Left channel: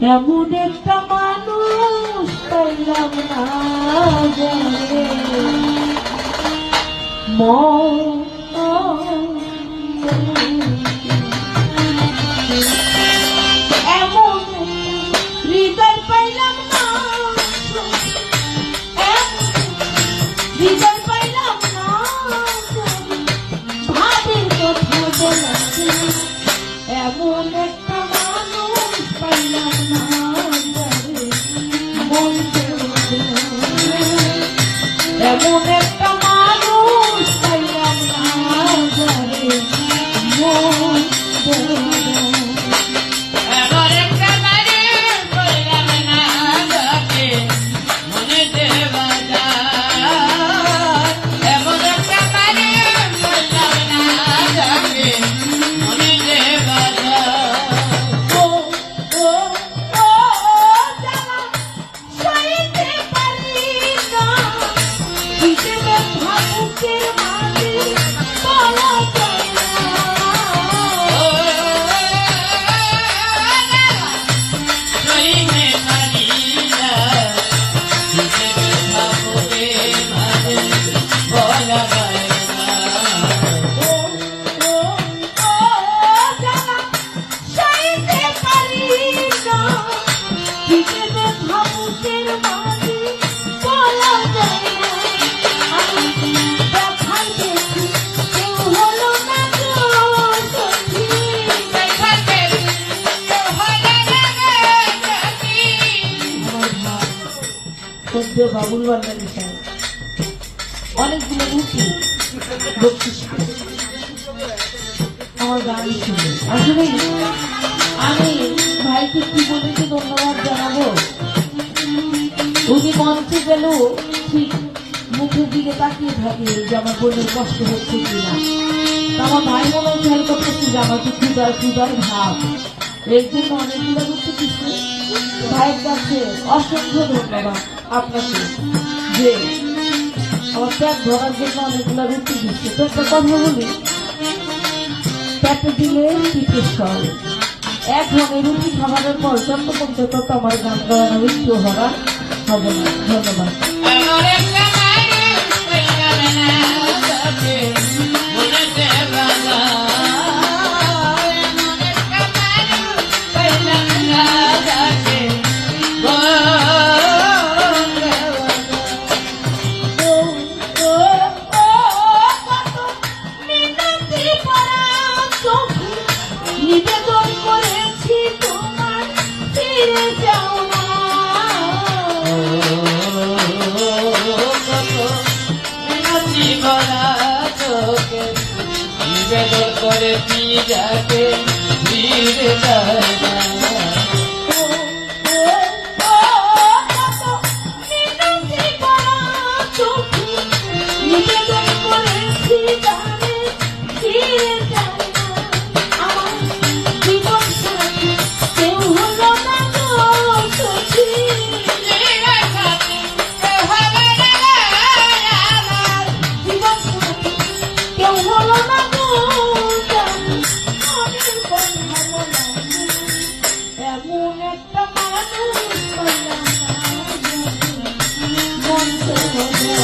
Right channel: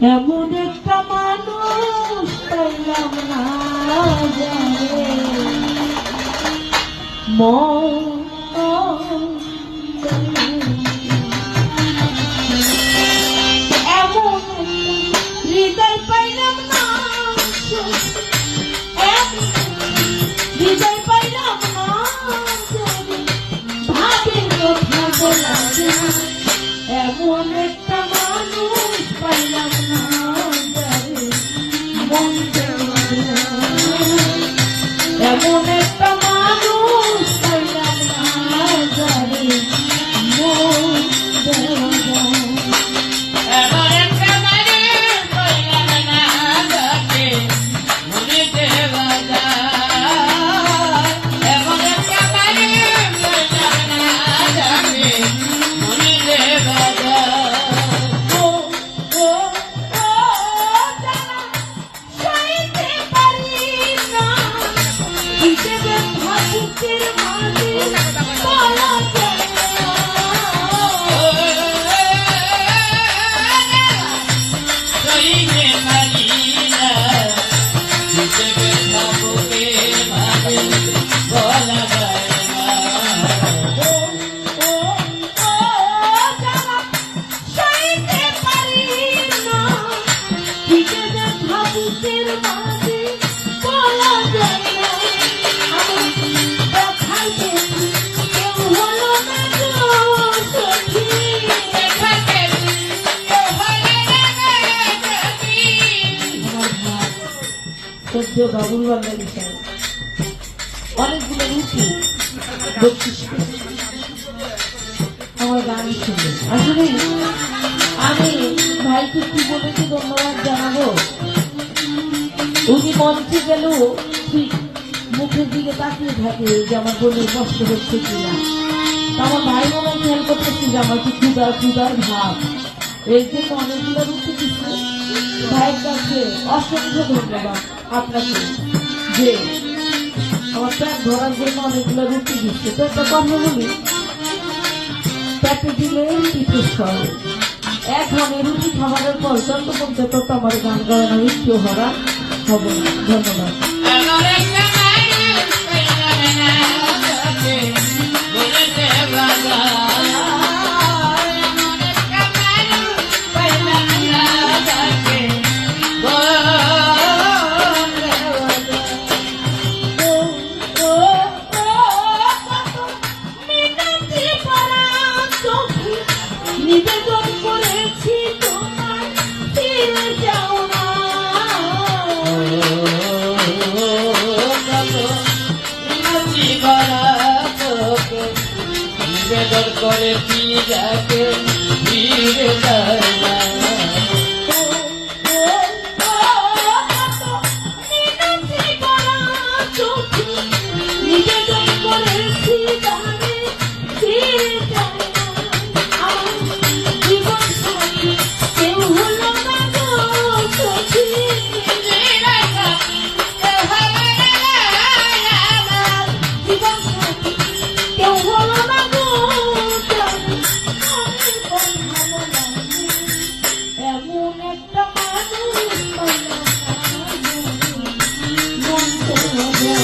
এমন একটা মানুষ পাইলাম না জানে। মন এমন এমন একটা সদ্য বাবুল বান্ডারি সাহেব অনেকগুলো রুটি। আমার গান ছিল। আসলে আমি ভাইকে কি বলেছি ধন্যবাদ জানাব? উনি মঞ্চে গেলেও ঠিক মুখের দিকে তাকিয়ে থাকে যে আমার বোনের কষ্ট হচ্ছে কিনা। আমার ভাই মনে খেয়াল করতেছি যে আমার কি ক্ষুদার ক্ষুদার ভাব। এই জন্য অনেকগুলো রুটি দিচ্ছে ভাইয়ের কাছে অসংখ্য ধন্যবাদ আপনাকে। যে আমার ধরার জন্য অনেকগুলো রুটি দিচ্ছে। তো একটা কথা বলি পেটে দিলে পিঠে সর। এক ধরনের রুটি খাবারের পর চন্দ্রপন্থে কত আমার গান গাওয়ানো হবে না। ধন্যবাদ। করে দিয়ে যাবে? পেলাম না